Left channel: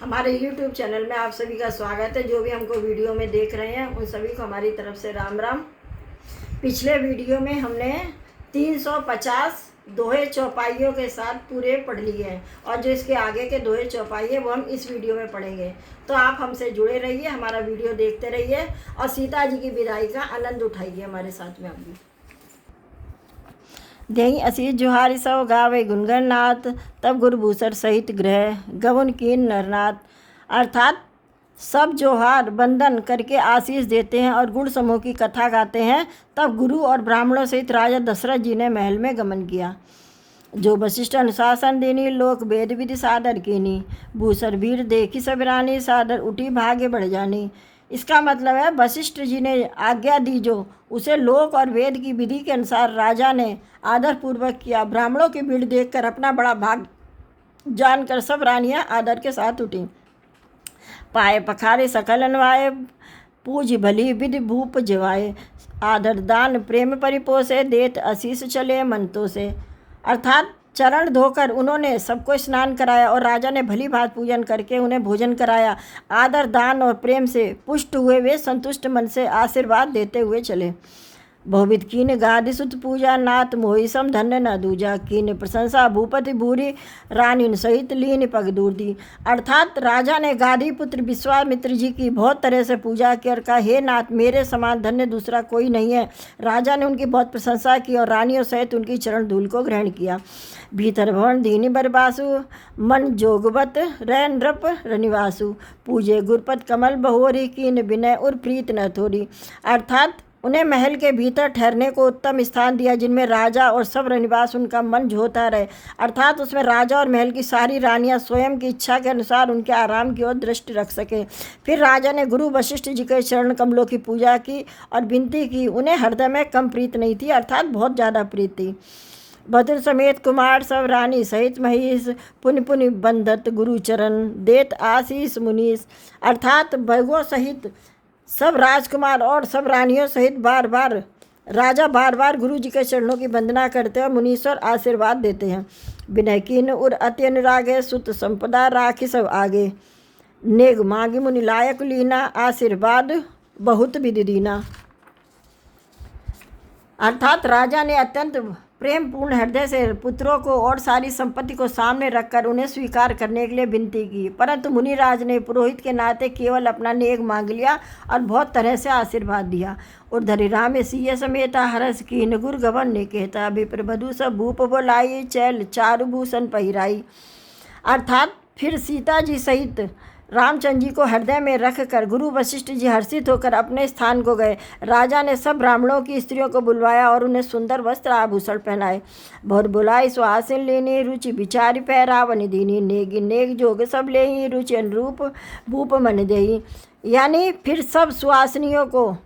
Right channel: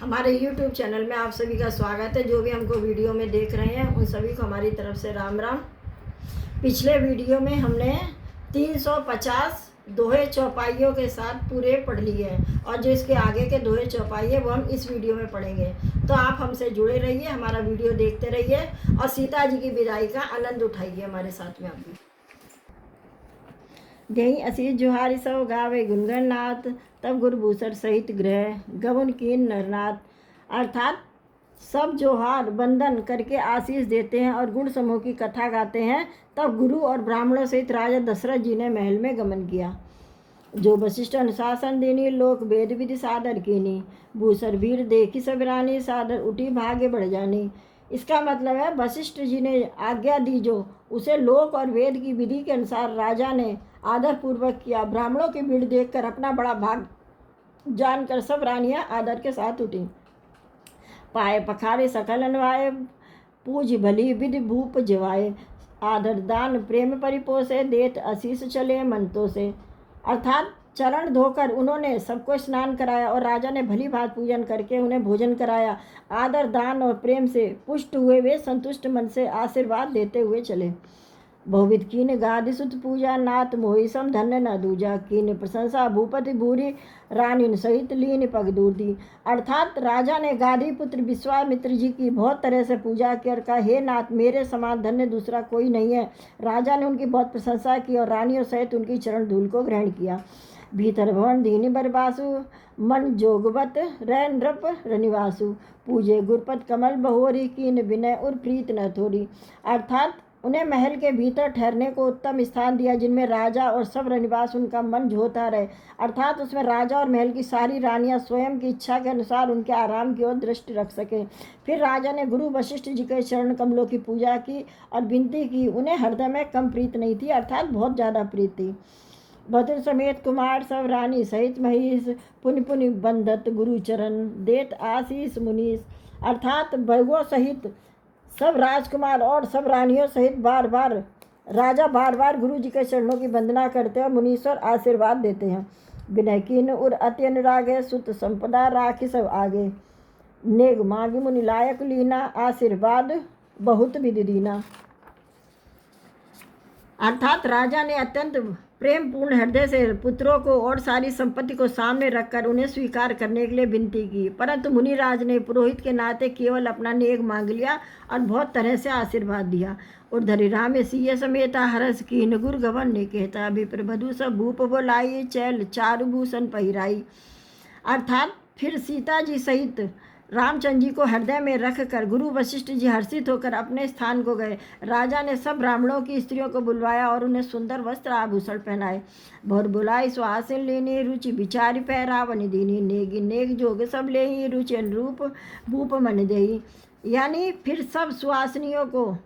हमारे YouTube channel में आप सभी का स्वागत है। जो भी हमको वीडियो में देख रहे हैं उन सभी को हमारी तरफ से राम राम। पिछले वीडियो में हमने 350 दोहे चौपाइयों के साथ पूरे पढ़ लिए हैं और जो इसके आगे के दोहे चौपाई है वो हम इस वीडियो में पढ़ेंगे। तो आप हमसे जुड़े रहिए, हमारा वीडियो देखते रहिए और सीता जी की विदाई का आनंद उठाइए हमारे साथ में। आप भी देही असीस जोहारी सौ गावे गुनगन नाथ, तब गुरुभूषण सहित ग्रह गवन कीन नरनाथ। अर्थात सब जोहार बंदन करके आशीष देते हैं और गुण समूह की कथा गाते हैं। तब गुरु और ब्राह्मणों सहित राजा दशरथ जी ने महल में गमन किया। जो वशिष्ठ अनुशासन देनी, लोक वेद विधि सादर कीनी, भूसर वीर देखी सब रानी, सादर उठी भाग्य बढ़ जानी। इसका मतलब है वशिष्ठ जी ने आज्ञा दी जो उसे लोक और वेद की विधि के अनुसार राजा ने आदर पूर्वक किया। ब्राह्मणों की भीड़ देखकर अपना बड़ा भाग जानकर सब रानियां आदर के साथ उठी। पाए पखारे सकल अनवाए, पूज भली विधि भूप जवाए, आदर दान प्रेम परिपोषे, देत आशीष चले मंतों से। अर्थात चरण धोकर उन्होंने सबको स्नान कराया और राजा ने भली भांति पूजन करके उन्हें भोजन कराया। आदर दान और प्रेम से पुष्ट हुए वे संतुष्ट मन से आशीर्वाद देते हुए चले। बहुविध कीन गादि सुत पूजा, नाथ मोहि सम धन्य न दूजा, कीन प्रशंसा भूपति भूरी, रानी सहित लीन पग दूर दी। अर्थात राजा ने गादी पुत्र विश्वामित्र जी की बहुत तरह से पूजा कर कहा, हे नाथ मेरे समान धन्य दूसरा कोई नहीं है। राजा ने उनकी बहुत प्रशंसा की और रानियों सहित उनकी चरण धूल को ग्रहण किया। भीतर भवन दीनी बरबासु, मन जोगवत रह नृप रनिवासु, पूजे गुरपत कमल बहोरी, कीन विनय और प्रीत न थोरी। अर्थात उन्हें महल के भीतर ठहरने को उत्तम स्थान दिया जिनमें राजा और सब रनिवास उनका मन जोता रहे। अर्थात उसमें राजा और महल की सारी रानियां स्वयं की इच्छा के अनुसार उनके आराम की ओर दृष्टि रख सके। फिर राजा ने गुरु वशिष्ठ जी के चरण कमलों की पूजा की और विनती की। उन्हें हृदय में कम प्रीत नहीं थी, अर्थात बहुत ज़्यादा प्रीत थी। भद्र समेत कुमार सब रानी सहित महीश, पुनि पुनि बंधत गुरु चरण, देत आशीष मुनीश। अर्थात भगों सहित सब राजकुमार और सब रानियों सहित राजा बार बार गुरु जी के चरणों की वंदना करते हैं और मुनीश्वर आशीर्वाद देते हैं। विनय कीन उर अति अनुरागे, सुत संपदा राखी सब आगे, नेग मांगी मुनि लायक लीना, आशीर्वाद बहुत विधि दीना। अर्थात राजा ने अत्यंत प्रेम पूर्ण हृदय से पुत्रों को और सारी संपत्ति को सामने रखकर उन्हें स्वीकार करने के लिए विनती की, परंतु मुनिराज ने पुरोहित के नाते केवल अपना नेग मांग लिया और बहुत तरह से आशीर्वाद दिया। उर्धरि राम सिय समेता, हरस कीन गुर गवन ने कहता, विप्र बधु सब भूप बोलाई, चैल चारु भूषण पहिराई। अर्थात फिर सीता जी सहित रामचंद्र जी को हृदय में रखकर गुरु वशिष्ठ जी हर्षित होकर अपने स्थान को गए। राजा ने सब ब्राह्मणों की स्त्रियों को बुलवाया और उन्हें सुंदर वस्त्र आभूषण पहनाए। बहुत बुलाई सुहासिन लेनी, रुचि विचारी पहरावन दीनी, नेगी नेग जोग सब लेही, रुचि अनुरूप भूप मन देही। यानी फिर सब सुहासिनियों को,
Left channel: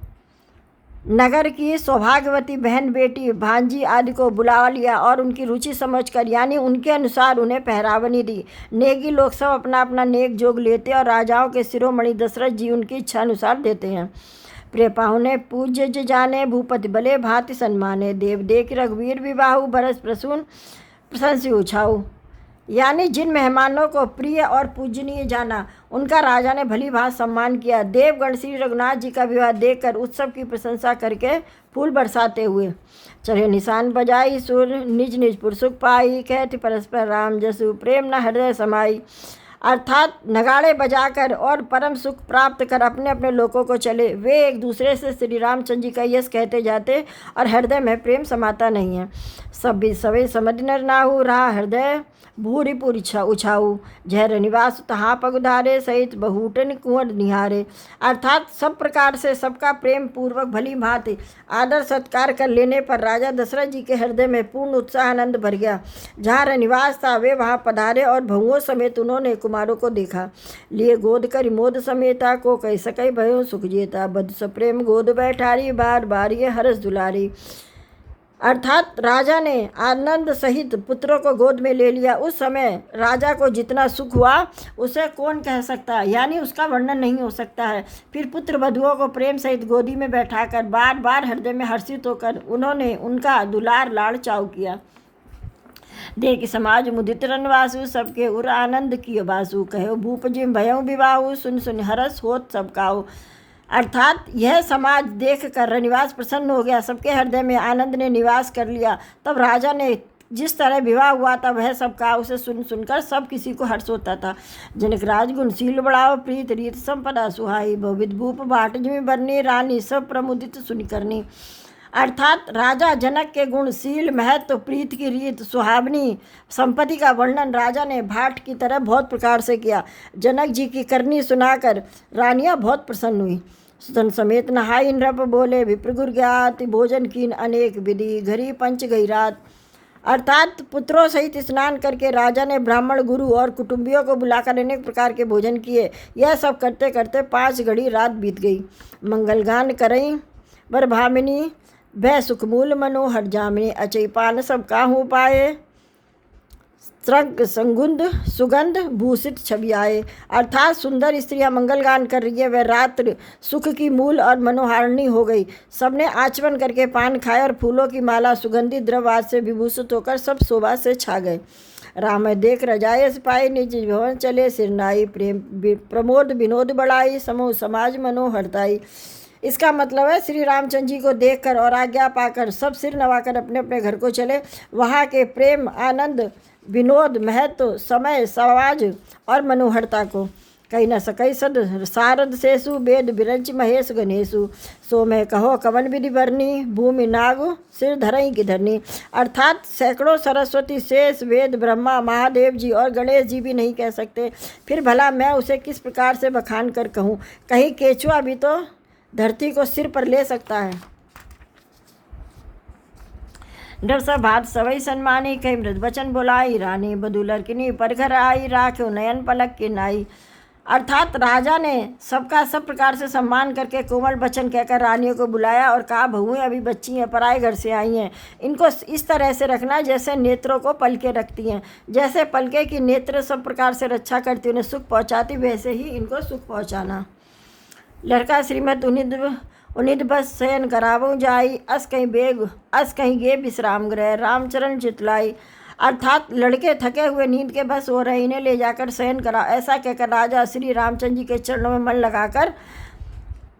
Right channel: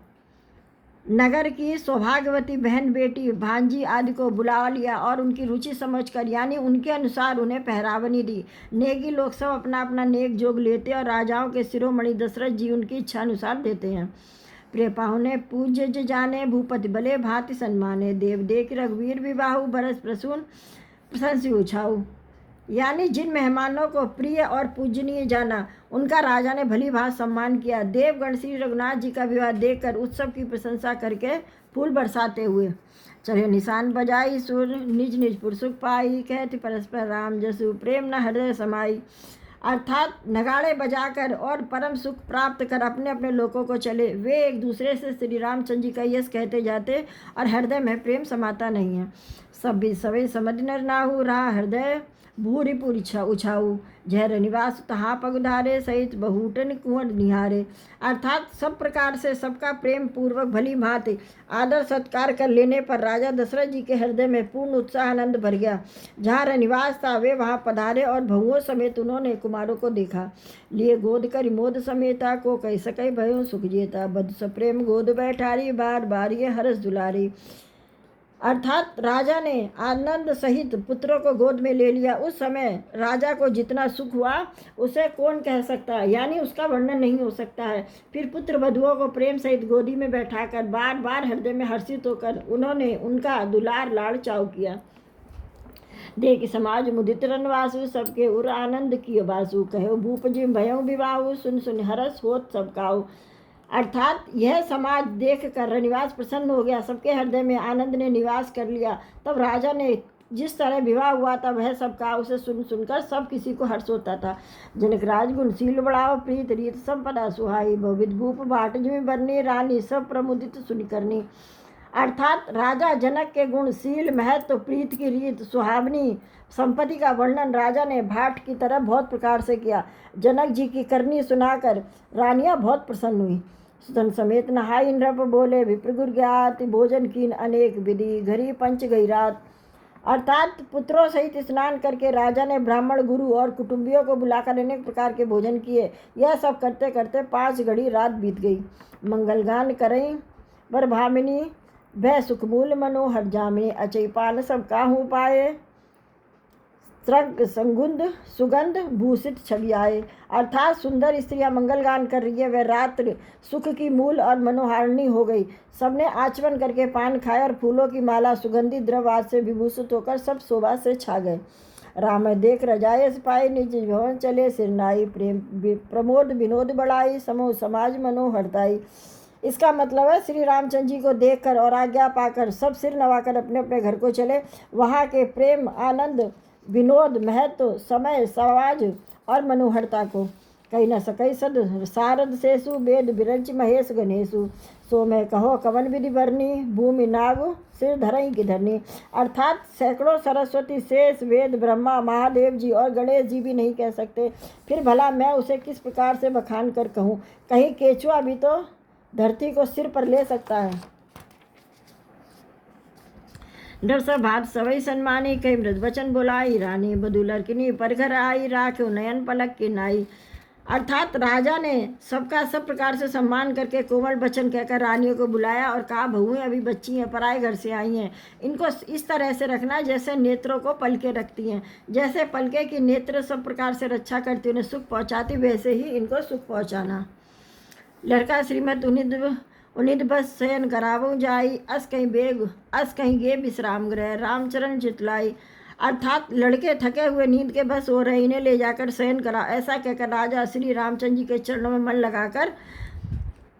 नगर की सौभाग्यवती बहन बेटी भांजी आदि को बुला लिया और उनकी रुचि समझकर यानी उनके अनुसार उन्हें पहरावनी दी। नेगी लोग सब अपना अपना नेक जोग लेते और राजाओं के शिरोमणि दशरथ जी उनकी इच्छा अनुसार देते हैं। प्रिय पाहुने पूज्य ज जाने, भूपति भले भांति सम्माने, देव देख रघुवीर विवाहु, भरत प्रसून प्रशंसी उछाऊ। यानी जिन मेहमानों को प्रिय और पूजनीय जाना उनका राजा ने भली भांति सम्मान किया। देवगण श्री रघुनाथ जी का विवाह देखकर उत्सव की प्रशंसा करके फूल बरसाते हुए चढ़े निशान बजाई, सुर निज निज पुरसुख पाई, कहती परस्पर राम जसु, प्रेम न हृदय समाई। अर्थात नगाड़े बजाकर और परम सुख प्राप्त कर अपने अपने लोगों को चले। वे एक दूसरे से श्री रामचंद्र जी का यश कहते जाते और हृदय में प्रेम समाता नहीं है। सब भी सवे समझ नर नाहु, रहा हृदय भूरी पूरी उछाऊ, जहर निवास तहाँ पग उधारे, सहित बहुटन कुंवर निहारे। अर्थात सब प्रकार से सबका प्रेम पूर्वक भली भांति आदर सत्कार कर लेने पर राजा दशरथ जी के हृदय में पूर्ण उत्साह आनंद भर गया। जहाँ रनिवास था वे वहाँ पधारे और बहुओं समेत उन्होंने कुमारों को देखा। लिए गोद कर मोद समेता, को कह सकै भयो सुख जेता, बद सप्रेम गोद बैठारी, बार बार ये हरस दुलारी। अर्थात राजा ने आनंद सहित पुत्रों को गोद में ले लिया। उस समय राजा को जितना सुख हुआ उसे कौन कह सकता है, यानी उसका वर्णन नहीं हो सकता है। फिर पुत्र वधुओं को प्रेम सहित गोदी में बैठाकर बार बार हृदय में हर्षित होकर उन्होंने उनका दुलार लाड़ चाव किया। देख समाज मुदित रनवासु, सबके उर आनंद कियो बासु, कहो भूप जिम भयउ विवाहु, सुन सुन हरस होत सब काऊ। अर्थात यह समाज देख कर रनिवास प्रसन्न हो गया, सबके हृदय में आनंद ने निवास कर लिया। तब राजा ने जिस तरह विवाह हुआ था वह सब का उसे सुन सुनकर सब किसी को हर्ष होता था। जनक राजगुण शील बढ़ाओ, प्रीत रीत संपदा सुहाई, बहुविध भूप बाट जिमि बरनी, रानी सब प्रमुदित सुनि करनी। अर्थात राजा जनक के गुण, शील, महत्व, प्रीत की रीत, सुहावनी संपत्ति का वर्णन राजा ने भाट की तरह बहुत प्रकार से किया। जनक जी की करनी सुनाकर रानियां बहुत प्रसन्न हुई। सुतन समेत नहाई नृप, बोले विप्रगुर ज्ञात, भोजन कीन अनेक विधि, घरी पंच गई रात। अर्थात पुत्रों सहित स्नान करके राजा ने ब्राह्मण, गुरु और कुटुंबियों को बुलाकर अनेक प्रकार के भोजन किए। यह सब करते करते 5 घड़ी रात बीत गई। मंगलगान करई वर भामिनी, भय सुखमूल मनो हट जामिनी, अचई पान सब काहू पाए, स्रग संगुंद सुगंध भूषित छवि आए। अर्थात सुंदर स्त्रियां मंगलगान कर रही है, वह रात्र सुख की मूल और मनोहारिणी हो गई। सबने आचमन करके पान खाए और फूलों की माला सुगंधित द्रव्य से विभूषित होकर सब शोभा से छा गए। राम देख रजाए सिपाही, निज भवन चले सिरनाई, प्रेम प्रमोद विनोद बढ़ाई, समूह समाज मनो हरताई। इसका मतलब है श्री रामचंद्र जी को देखकर और आज्ञा पाकर सब सिर नवाकर अपने अपने घर को चले। वहाँ के प्रेम, आनंद, विनोद, महत्व, समय, समाज और मनोहरता को कही न सकई सद सारद शेषु, वेद विरंच महेश गणेशु, सो मैं कहो कवन विधि भरनी, भूमि नाग सिर धरई की धरनी। अर्थात सैकड़ों सरस्वती, शेष, वेद, ब्रह्मा, महादेव जी और गणेश जी भी नहीं कह सकते, फिर भला मैं उसे किस प्रकार से बखान कर कहूँ। कहीं केचुआ भी तो धरती को सिर पर ले सकता है। डर सब भात सवई सन्मानी, कई मृद वचन बोलाई, रानी बधु लड़किनी पर घर आई, राख्यो नयन पलक के नाई। अर्थात राजा ने सबका सब प्रकार से सम्मान करके कोमल वचन कहकर रानियों को बुलाया और कहा, बहुएं अभी बच्ची हैं, पराए घर से आई हैं, इनको इस तरह से रखना जैसे नेत्रों को पलके रखती हैं। जैसे पलके की नेत्र सब प्रकार से रक्षा करती, उन्हें सुख पहुँचाती, वैसे ही इनको सुख पहुँचाना। लड़का श्रीमद उनिद बस शयन करावो जाई, अस कहीं गे विश्राम ग्रह, रामचरण चितलाई। अर्थात लड़के थके हुए नींद के बस हो रहे, इन्हें ले जाकर शयन करा। ऐसा कहकर राजा श्री रामचंद्र जी के चरणों में मन लगाकर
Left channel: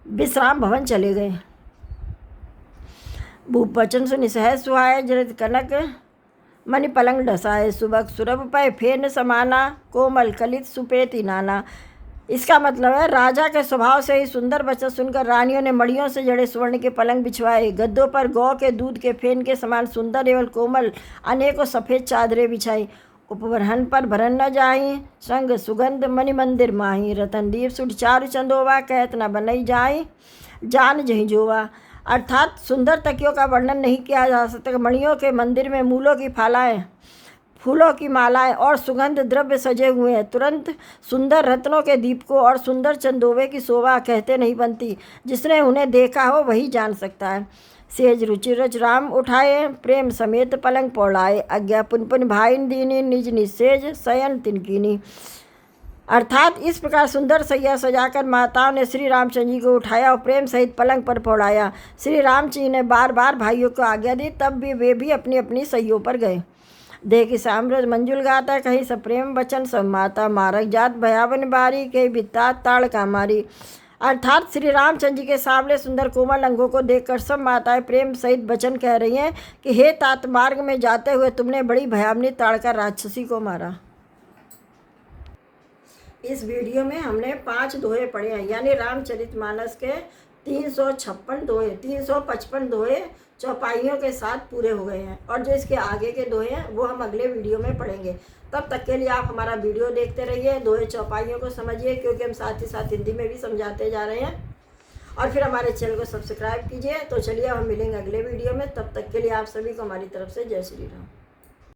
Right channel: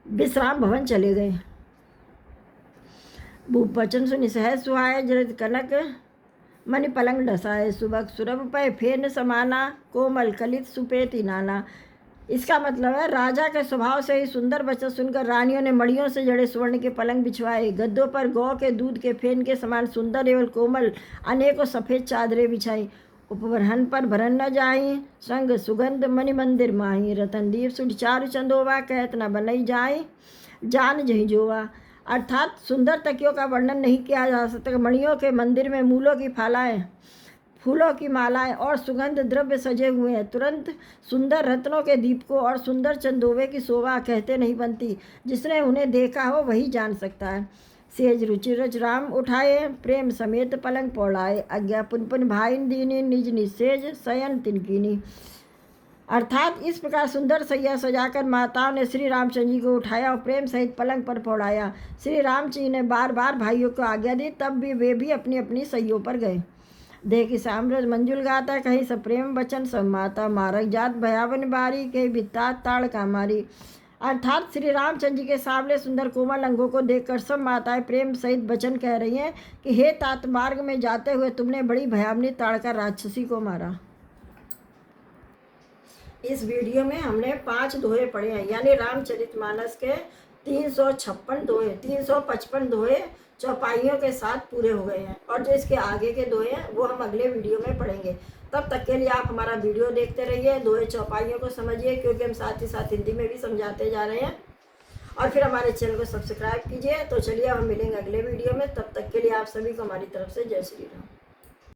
विश्राम भवन चले गए। भूप वचन सुनि सहज सुहाए, जरत कनक मणि पलंग ढसाए, सुबक सुरभ पय फेन समाना, कोमल कलित सुपेति नाना। इसका मतलब है राजा के स्वभाव से ही सुंदर वचन सुनकर रानियों ने मड़ियों से जड़े स्वर्ण के पलंग बिछवाए, गद्दों पर गौ के दूध के फेन के समान सुंदर एवं कोमल अनेकों सफ़ेद चादरें बिछाई। उपवरहन पर भरन न जाई, संग सुगंध मणि मंदिर माही, रतन दीप सुट चारु चंदोवा, कहत न बनई जाई जान जही जोवा। अर्थात सुंदर तकियों का वर्णन नहीं किया जा सकता। मणियों के मंदिर में मूलों की फूलों की मालाएं और सुगंध द्रव्य सजे हुए हैं। तुरंत सुंदर रत्नों के दीपकों और सुंदर चंदोवे की शोभा कहते नहीं बनती, जिसने उन्हें देखा हो वही जान सकता है। सेज रुचि रच राम उठाए, प्रेम समेत पलंग पौड़ाए, आज्ञा पुन पुन भाईन दीनी, निज निसेज शयन तिनकीनी। अर्थात इस प्रकार सुंदर सैया सजाकर माताओं ने श्री रामचंद्र जी को उठाया और प्रेम सहित पलंग पर पौड़ाया। श्री रामचंद्र जी ने बार बार भाइयों को आज्ञा दी, तब भी वे भी अपनी अपनी सैयों पर गए। देखी साम्रज मंजुल गाता, कहीं सब प्रेम वचन सब माता, मारक जात भयावन बारी, कहीं बिता ताड़ का मारी। अर्थात श्री रामचंद्र जी के सामने सुंदर कोमल अंगों को देखकर सब माताएं प्रेम सहित वचन कह रही हैं कि हे तात, मार्ग में जाते हुए तुमने बड़ी भयावनी ताड़का राक्षसी को मारा। इस वीडियो में हमने 5 दोहे पढ़े हैं, यानी रामचरितमानस के 356 दोहे, 355 दोहे चौपाइयों के साथ पूरे हो गए हैं। और जो इसके आगे के दोहे हैं वो हम अगले वीडियो में पढ़ेंगे। तब तक के लिए आप हमारा वीडियो देखते रहिए, दोहे चौपाइयों को समझिए, क्योंकि हम साथ ही साथ हिंदी में भी समझाते जा रहे हैं। और फिर हमारे चैनल को सब्सक्राइब कीजिए। तो चलिए हम मिलेंगे अगले वीडियो में, तब तक के लिए आप सभी को हमारी तरफ से जय श्री राम।